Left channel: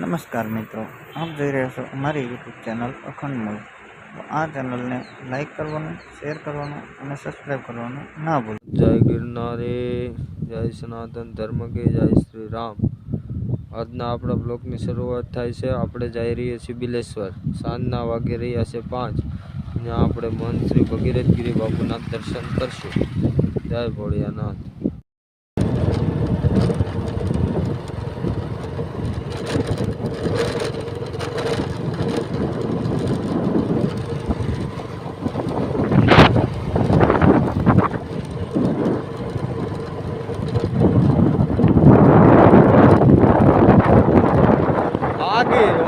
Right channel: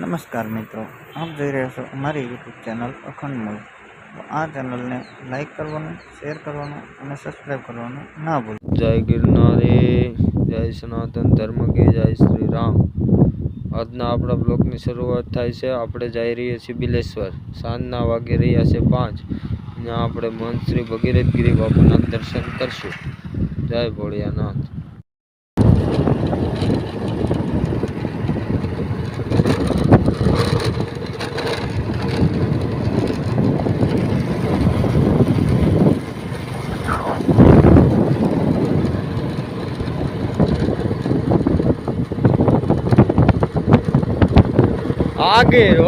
નમસ્કાર મિત્રો, આપ જોઈ રહ્યા છો અમારી યુટ્યુબ ચેનલ અખંડ મૂળ. તો આ ચેનલને લાઈક કરવાનું, શેર કરવાનું અને સબસ્ક્રાઈબ કરવાનું ના ભૂલો. જય ગિરનારી, જય સનાતન ધર્મ કે જય શ્રી રામ. આજના આપણા બ્લોગની શરૂઆત થાય છે. આપણે જઈ રહીએ છીએ બિલેશ્વર. સાંજના વાગી રહ્યા છે 5. ત્યાં આપણે મહંત શ્રી ભગીરથ ગિરી બાપુના દર્શન કરશું. જય ભોળિયાનાથ. ગીર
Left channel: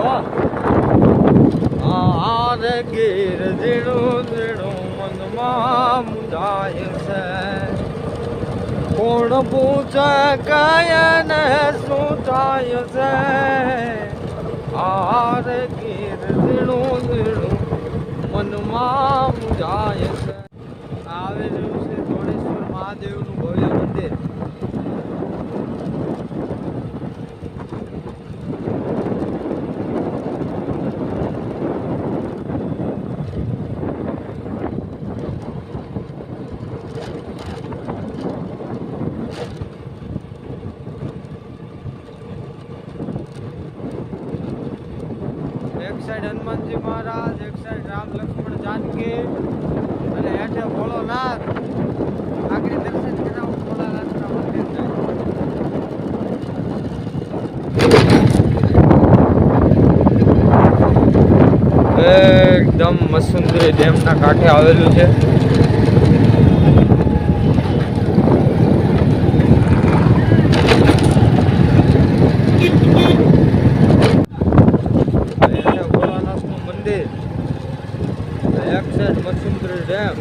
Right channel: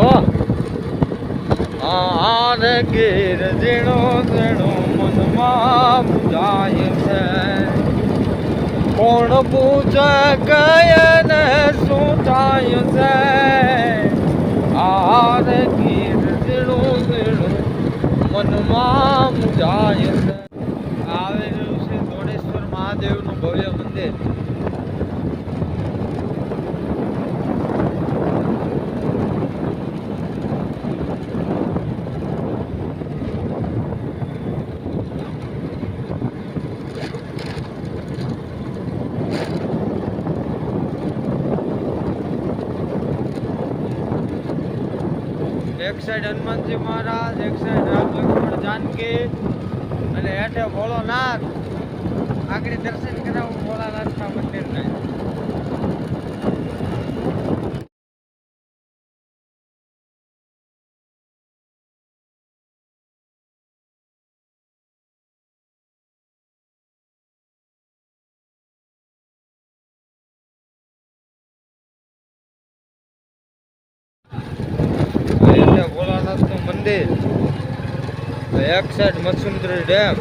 આરે ગીર ઝીણું ઝીણું મનમાં મુંજાય છે. કોણ પૂછે ગયા ને શું થાય છે? આરે ગીર ઝીણું ઝીણું મનમાં મુંજાય છે. આવેલું છે દોડેશ્વર મહાદેવનું ભવ્ય મંદિર. એક સાઈડ હનુમાનજી મહારાજ, એક સાઈડ રામ લક્ષ્મણ જાનકી અને હેઠે ભોળોનાથ. આગળ દર્શન કરાવું ભોળાનાથના મંદિરના. એકદમ મસુંદરી ડેમના કાંઠે આવેલું છે. એક સાઈડ મસુંદરી ડેમ,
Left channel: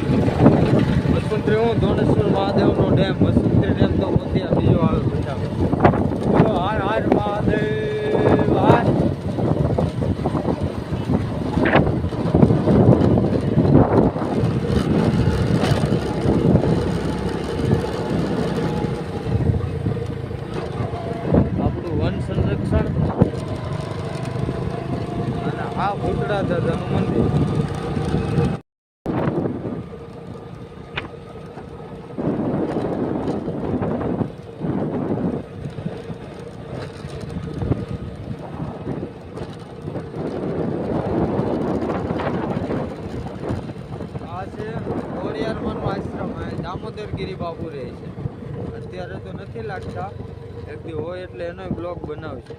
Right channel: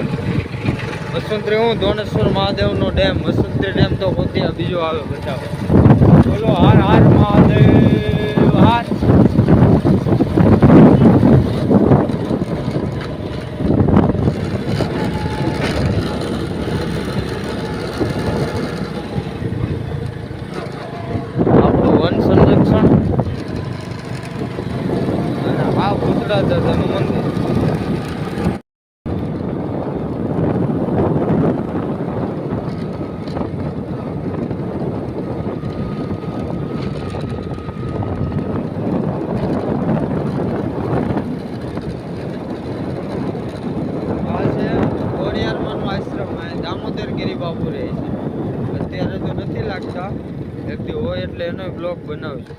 મસુંદરી હું દોણેશ્વર મહાદેવનો ડેમ. મસુંદરી ડેમ તો પોતે બીજો આવે બચાવ. બોલો હાર હાર મહાદેવ હાર. આપણું વન સંરક્ષણ અને આ ભૂતળા દાદાનું મંદિર. આશ્રમ દામોદર ગિરી બાપુ રહે છે. અત્યારે તો નથી લાગતા, એક દી હોય એટલે એનો બ્લોગ બનાવશું.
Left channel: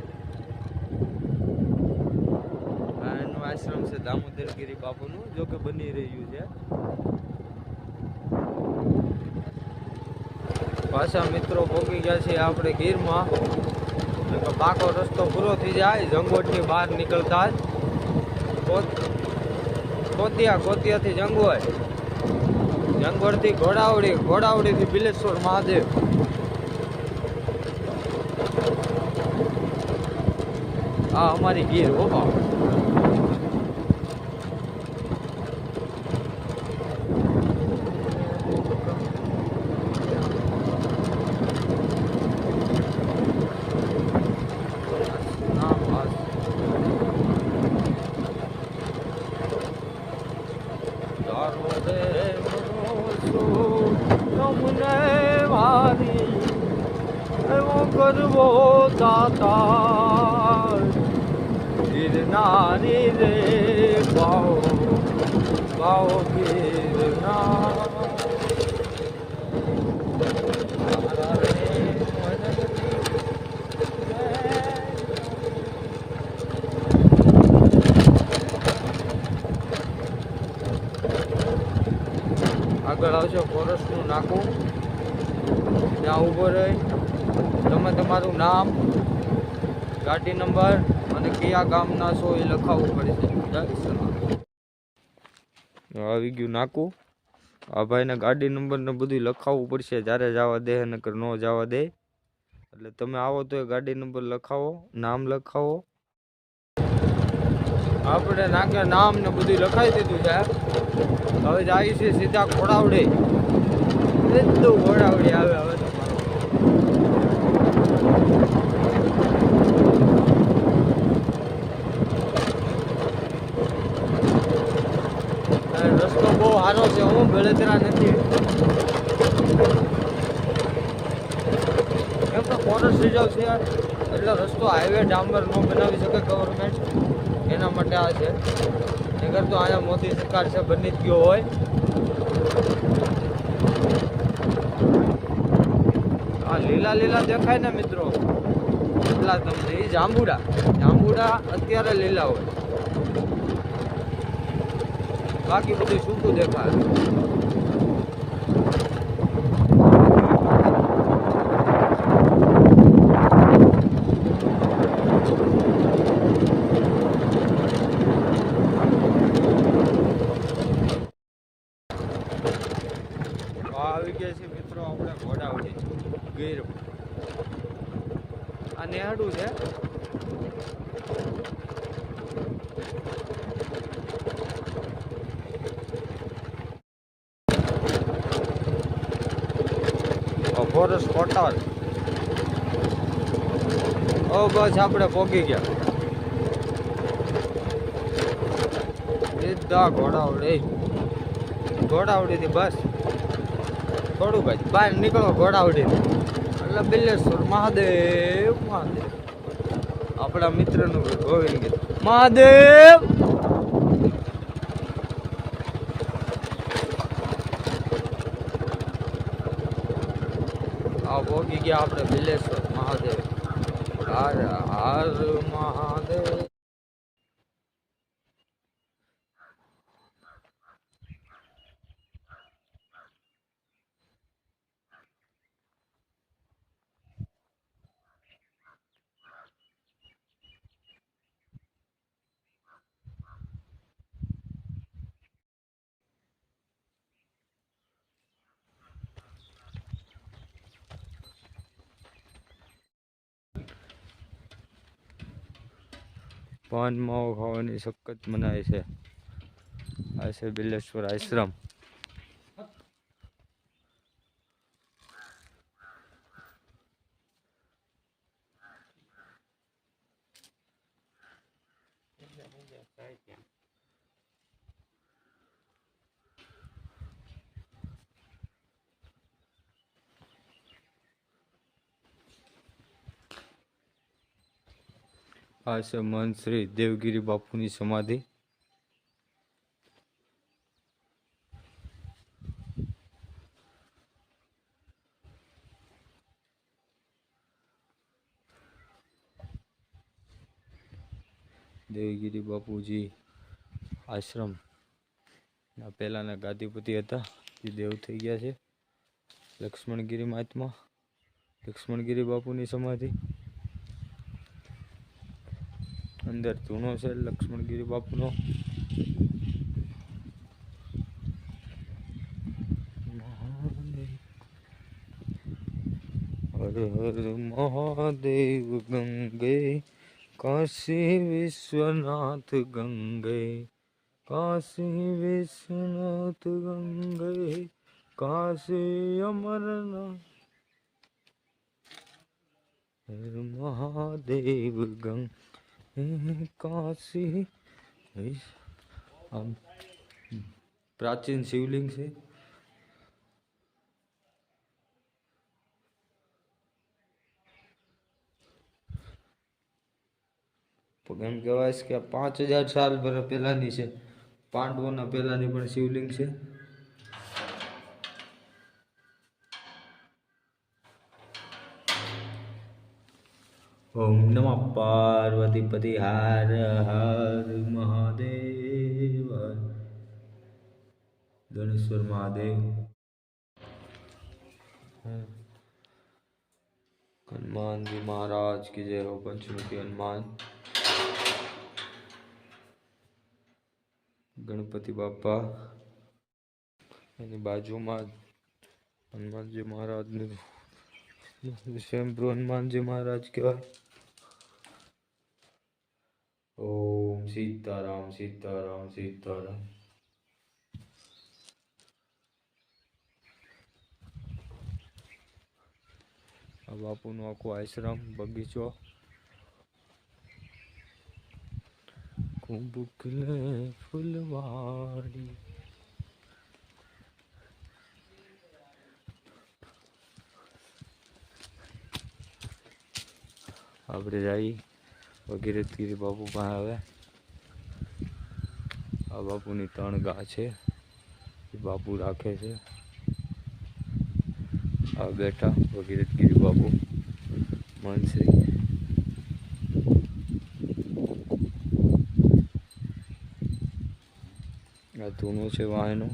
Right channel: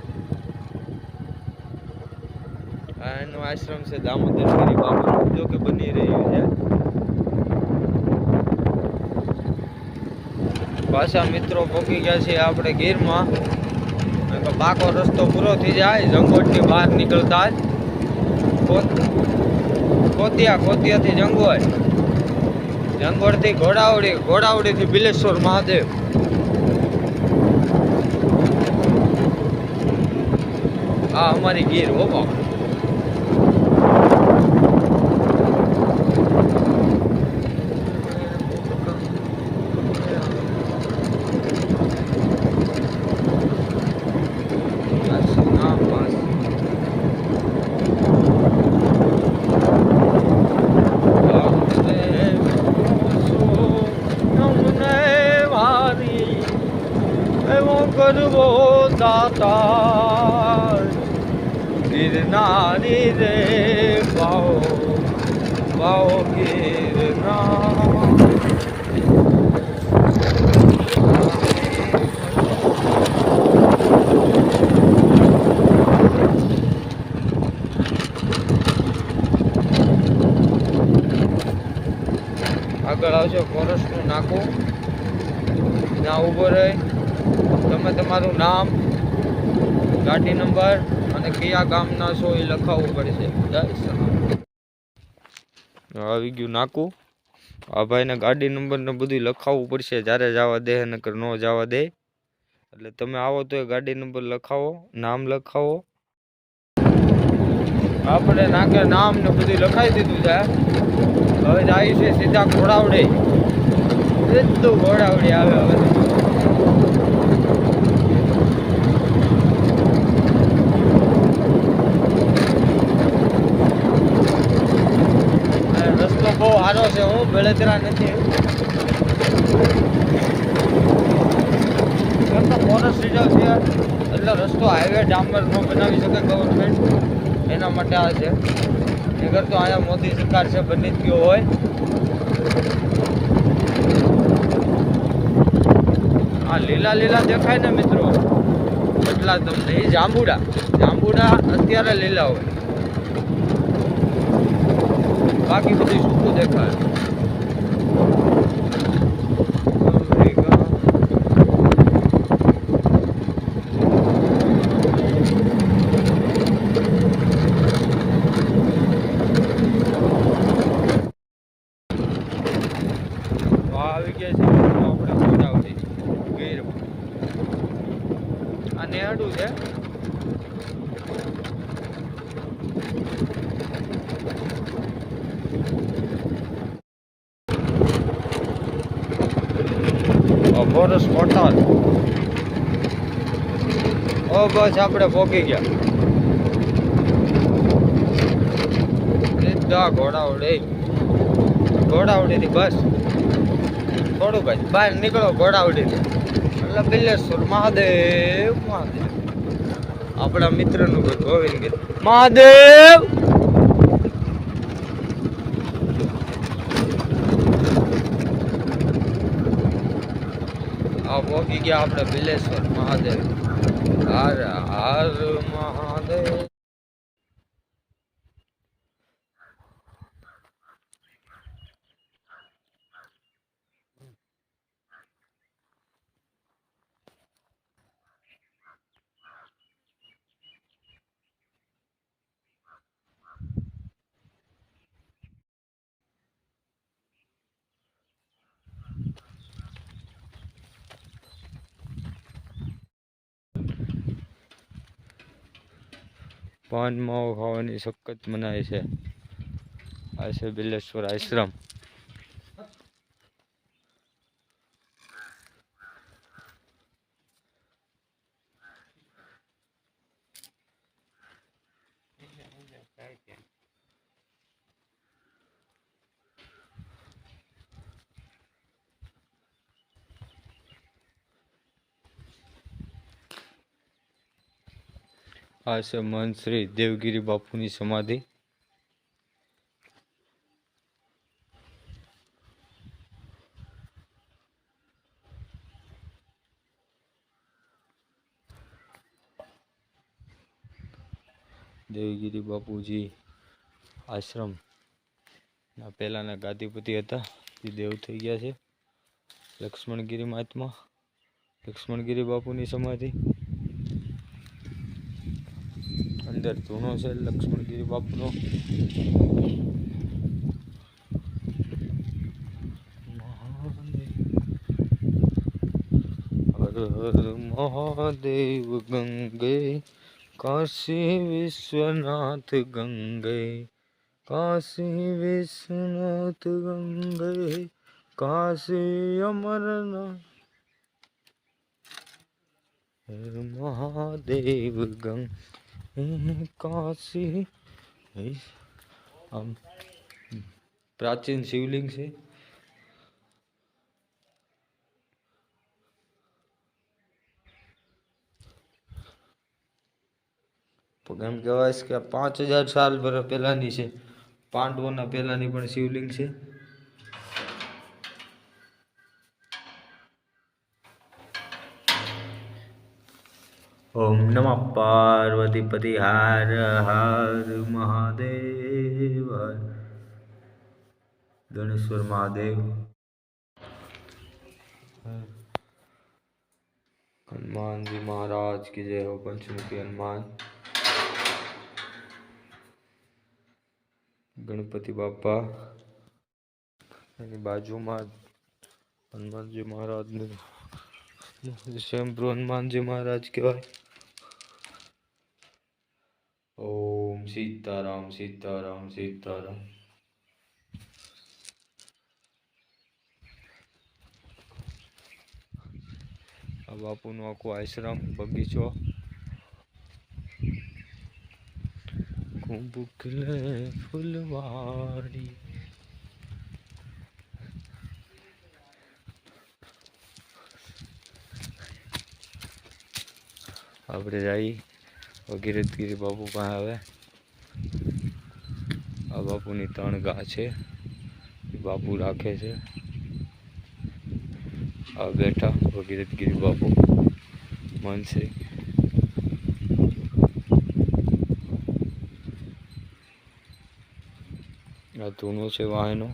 આ એનો આશ્રમ છે દામોદર ગિરી બાપુ, જો કે બની રહ્યું છે. પાછા મિત્રો પહોંચી ગયા છીએ આપણે ગીરમાં. પાકો રસ્તો પૂરો થઈ જાય જંગોટની બહાર નીકળતા જ કોતિયાથી જંગોળ, જંગોળથી ઘોડાવડી, ઘોડાવડીથી બિલેશ્વર મહાદેવ. આ અમારી ગીર હો બાપ. કરવો દાતાર ગિરનારી રે બાઓ બાઓ ગિરનાર. આગળ આવશે ફોરેસ્ટનું નાકું. ત્યાં ઊભો રહી તમે તમારું નામ, ગાડી નંબર અને કયા ગામના છો એ લખાવવું પડશે. જય સનાતન. આવી ગયું નાકું. આ ભાઈને ગાડી નંબર ને બધું લખાવવું પડશે જ્યારે જવા દે, નકર ન જવા દે. એટલે તમે આવો તો એ ગાડી નંબર લખાવો, નામ લખાવો. આપણે નાકે નામ ને બધું લખાવી દીધું છે. હવે જાય છે સીધા ઘોડાવડે. સીધું ઘોડાવડે આવે. હવે વારો છે, હું બળતરા નથી. એમ તો ફોરેસ્ટ રિઝર્વ છે એટલે રસ્તો હાઈવે ડામર ન બનાવી શકે ગવર્મેન્ટ, એના માટે આ છે. નગર તો અહીંયા મોદી સરકાર છે બની જ ગયો હોય. આ લીલા લીલા દેખાય ને મિત્રો, એટલા તમને એ જાંબુડા અત્યારે લીલા હોય, બાકી બધું સૂકું દેખાય. આવી ગયા છે મિત્રો આપણે ગોડાવડી ગીરમાં. આ નેહડું છે. Forest hotel. ઓ બસ આપણે પહોંચી ગયા સીધા ઘોડાવડી થી બસ થોડુંક જ બહાર નીકળો ઘોડાવડી થી એટલે બિલેશ્વર મહાદેવ. આપણા મિત્રનું ઘર ગોવિંદ મહાદેવ. આ પહોંચી ગયા આપણે બિલેશ્વર મહાદેવ. હર હર મહાદેવ. પાન માવો ખાવાની સખત મનાય છે. આ છે બિલેશ્વર આશ્રમ. આ છે મહંત શ્રી દેવગીરી બાપુની સમાધિ. દેવગીરી બાપુજી આશ્રમ ના પહેલાના ગાદીપતિ હતા, જે દેવ થઈ ગયા છે. લક્ષ્મણગીરી મહાત્મા, લક્ષ્મણગીરી બાપુની સમાધિ. અંદર ધૂણો છે લક્ષ્મણગીરી બાપુનો. હર હર મહાદેવ ગંગે કાશી વિશ્વનાથ ગંગે, કાશી વિશ્વનાથ ગંગે, કાશી અમરનાથ. હર મહાદેવ ગંગે કાશી. આમ પ્રાચીન શિવલિંગ છે. એમ કહેવાય છે કે 5000 સાલ પહેલાની છે. પાંડવોના પહેલાની પણ શિવલિંગ છે. ઓમ નમઃ પાર્વતીપતિ હર હર મહાદેવ. ગણેશ્વર મહાદેવ. હનુમાનજી મહારાજ की जय हो. पंचमुखी हनुमान. ગણપતિ બાપા એની બાજુમાં હનુમાનજી મહારાજનું સ્વયંભૂ હનુમાનજી મહારાજ કહેવાય. ઓમ સીતારામ સીતારામ સીતારામ. આ બાપુનો આખો આશ્રમ બગીચો. કુંભ ખिले ફૂલવાડી. આપણે જઈ ભગીરથગીરી બાપુ પાસે. હવે આ બાપુની 3 ગા છે, એ બાપુ રાખે છે. આ બેઠા ભગીરથગીરી બાપુ મનશ્રી. આ ધૂનો છે વાયનો.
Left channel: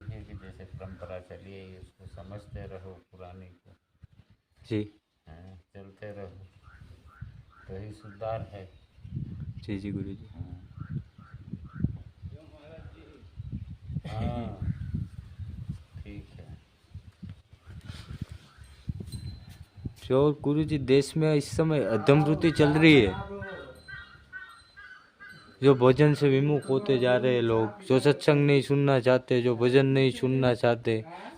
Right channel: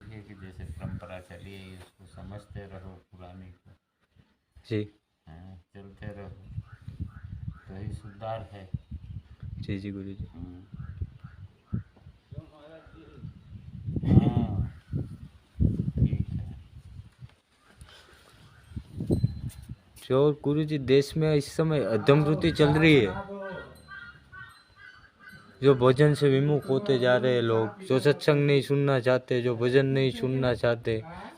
की जैसे परंपरा चली है उसको समझते रहो पुरानी को। जी हाँ, चलते रहो तो ही सुधार है। जी जी गुरु जी. हाँ ठीक है। जो गुरु जी देश में इस समय अधमवृत्ति चल रही है, जो भजन से विमुख होते जा रहे हैं लोग, जो सत्संग नहीं सुनना चाहते, जो भजन नहीं सुनना चाहते,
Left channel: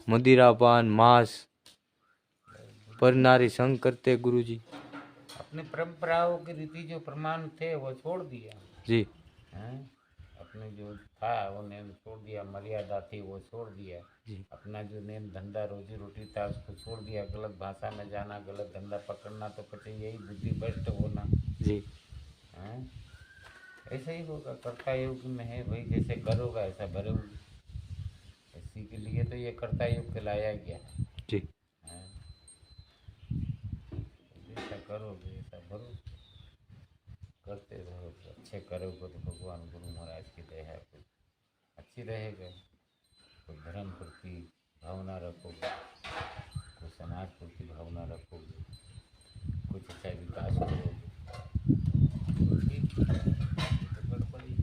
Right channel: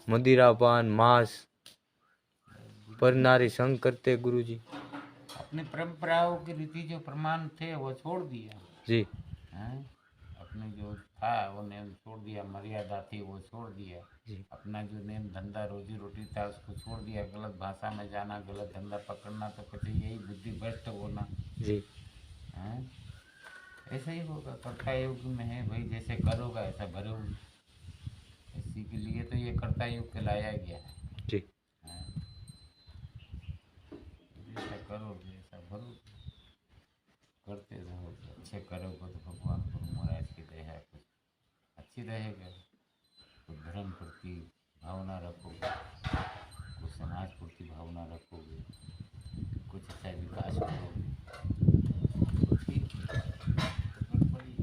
मदिरा पान मांस पर नारी संग करते गुरु जी. अपनी परंपराओं के रीति जो प्रमाण थे वो छोड़ दिया। जी हाँ, अपने जो था वो नेम छोड़ दिया, मर्यादा थी वो छोड़ दिया। जी अपना जो नेम धंधा रोजी रोटी था उसको छोड़ दिया। गलत भाषा में जाना, गलत धंधा पकड़ना, तो પછી यही बुद्धि भ्रष्ट होना। जी हाँ, ऐसा ही होगा। कर्ता युग में है भाई, जैसे करोगा ऐसा भरोगे। इसी के लिए तो ये कर्ता युग कहलाया गया है। जी हाँ, जैसा करोगे ऐसा भरोगे। करते रहो तो अच्छे करोगे तो भगवान गुरु महाराज की दया कुछ अच्छी रहेगा। कुछ धर्म प्रति भावना रखोगे, कुछ समाज प्रति भावना रखोगे, कुछ अच्छा विकास करोगे, ठीक है, तो गड़बड़ी।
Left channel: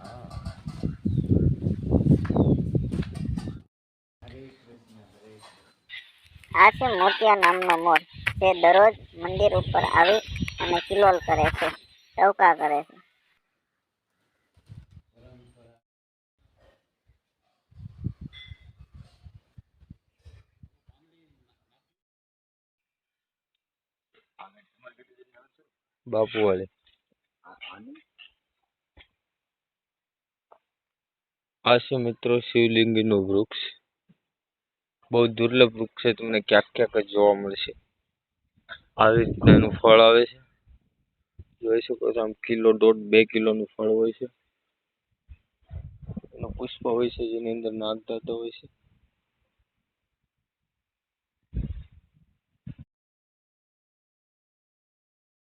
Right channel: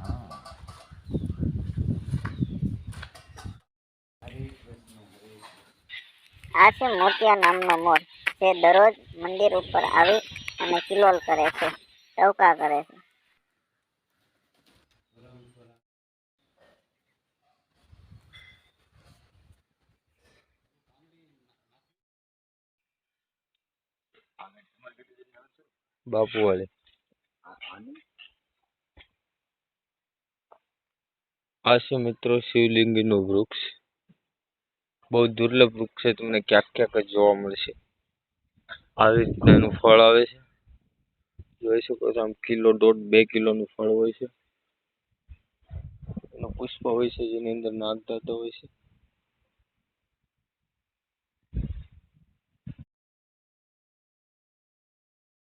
हाँ, हरे कृष्ण हरे। આ છે મોતિયા નામનો મોર જે દરરોજ મંદિર ઉપર આવી અને કિલોલ કરે છે, ટવકા કરે છે. બાપુ વાળે આ છે મિત્રો શિવલિંગીનું વૃક્ષ. બહુ દુર્લભ વૃક્ષ છે, તમને ક્યાંક ક્યાંક જ જોવા મળશે. આવી રીતના એનું ફળ આવે છે, જોઈ શકો છો. આમ 1.5-2 કિલોનું ફળ હોય છે. એનું પુષ્પ હોય છે જેની અંદર નાગદાતા હોય છે.